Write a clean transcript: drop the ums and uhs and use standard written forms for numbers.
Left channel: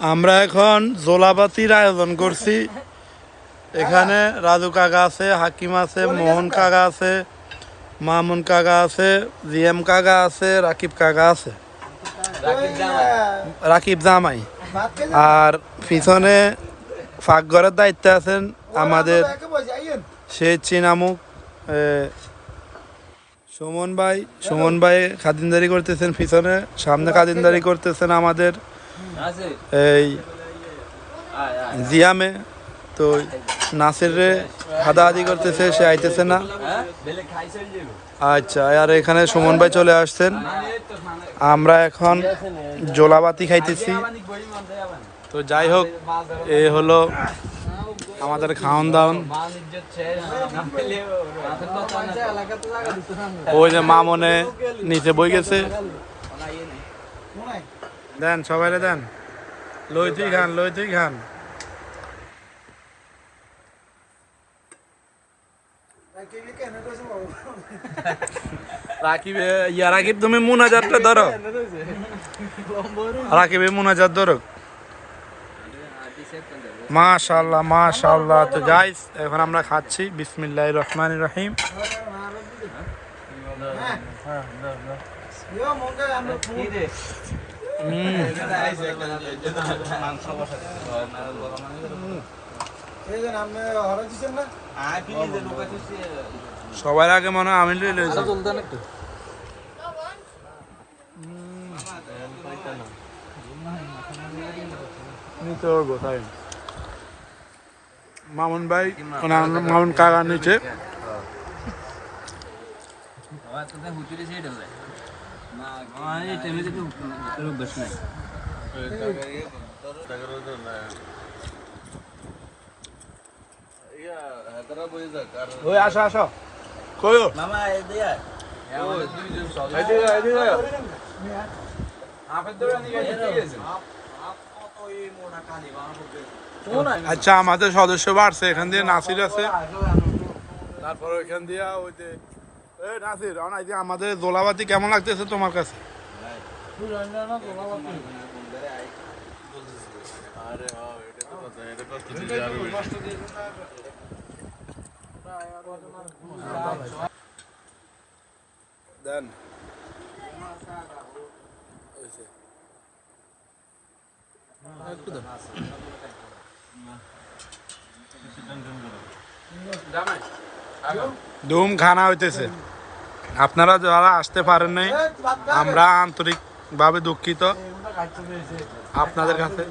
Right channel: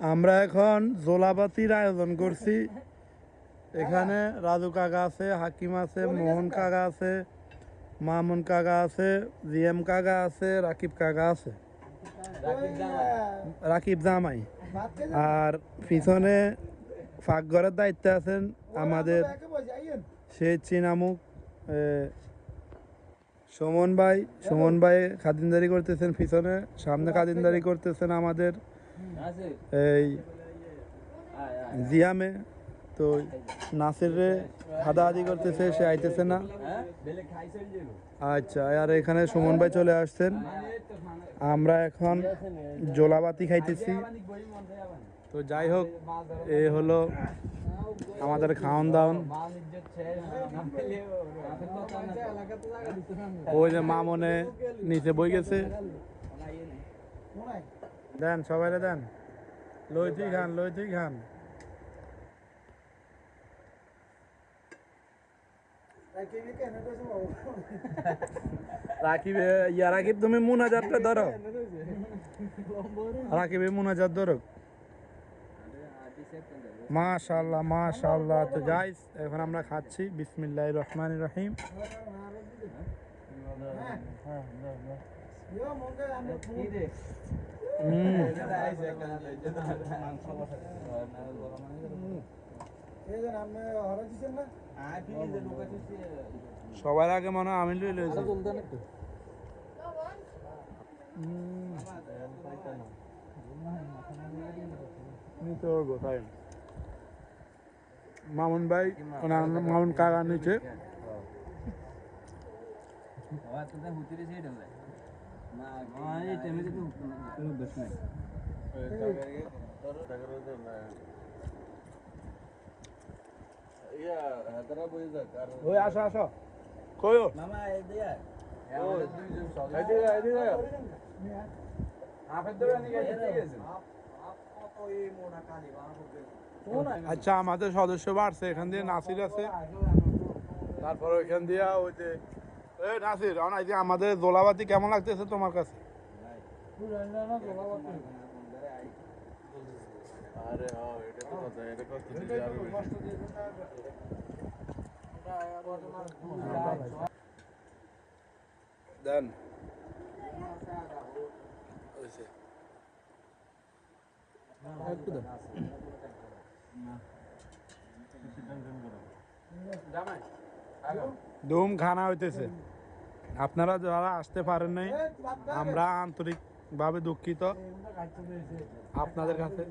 আমরা এখন জোলাপাতির আয়োজন করছি। এখানে রাজু কাকা আছে, হাকিম আছে, মোহন কাকা আছে, মামুন কাকা আছে, জিএম কাকা আছে, রাকিব কাকা আছে, রাকিব জামাই। আর পিছনে ফাঁকঘরের দায়িত্বে আছেন আমাদের সেই চিনামুখ সুমন ভাই। সুমন ভাই খাদিনদারি করতেছেন পিছনে, সামনে খাদিনদারি করতেছেন আমাদের এই জিয়ামে। তো নাসির রে হাদাহাদি করতেছে, সে আইতেছে না। আচ্ছা, আর এখানে সুমন ভাই চলে আসছেন। আমরা এখন জোলাবাতি খাইতেছি। তো যাই হোক, এ হলো আমাদের খাওন দাওন। ওই যে মামনে নিচে বই গেছে। দেন সবাই দেন, লইতেই খান, লইতেই খান। রাকিব রাকিব তুমি মুনাজাতটা ধরো, রাকিব মুনাজাত ধরো। মাশাআল্লাহ মাশাআল্লাহ। তো গাইস এখন আমরা খাচ্ছি। বিসমিল্লাহির রহমানির রহিম। সবার আগে মনে হয় আমি লইছি। মামুন ভাই, মামুন কাকা নিচে। আসো আসো, কইও মামা। আচ্ছা, আমাদের সদস্য বাড়ছে। এখান দিয়ে নাসির আছে, তারপর ওইখান দিয়ে ওই যে নাসির। আমাদের জোলাবাতি কেমন লাগতেছে তোমার কাছে? দেন ধুম খানা হইতেছে। আপনারা যারা আসতে পারেন নাই, আমরা আন্তরিকভাবে দুঃখিত আপনাদের কাছে।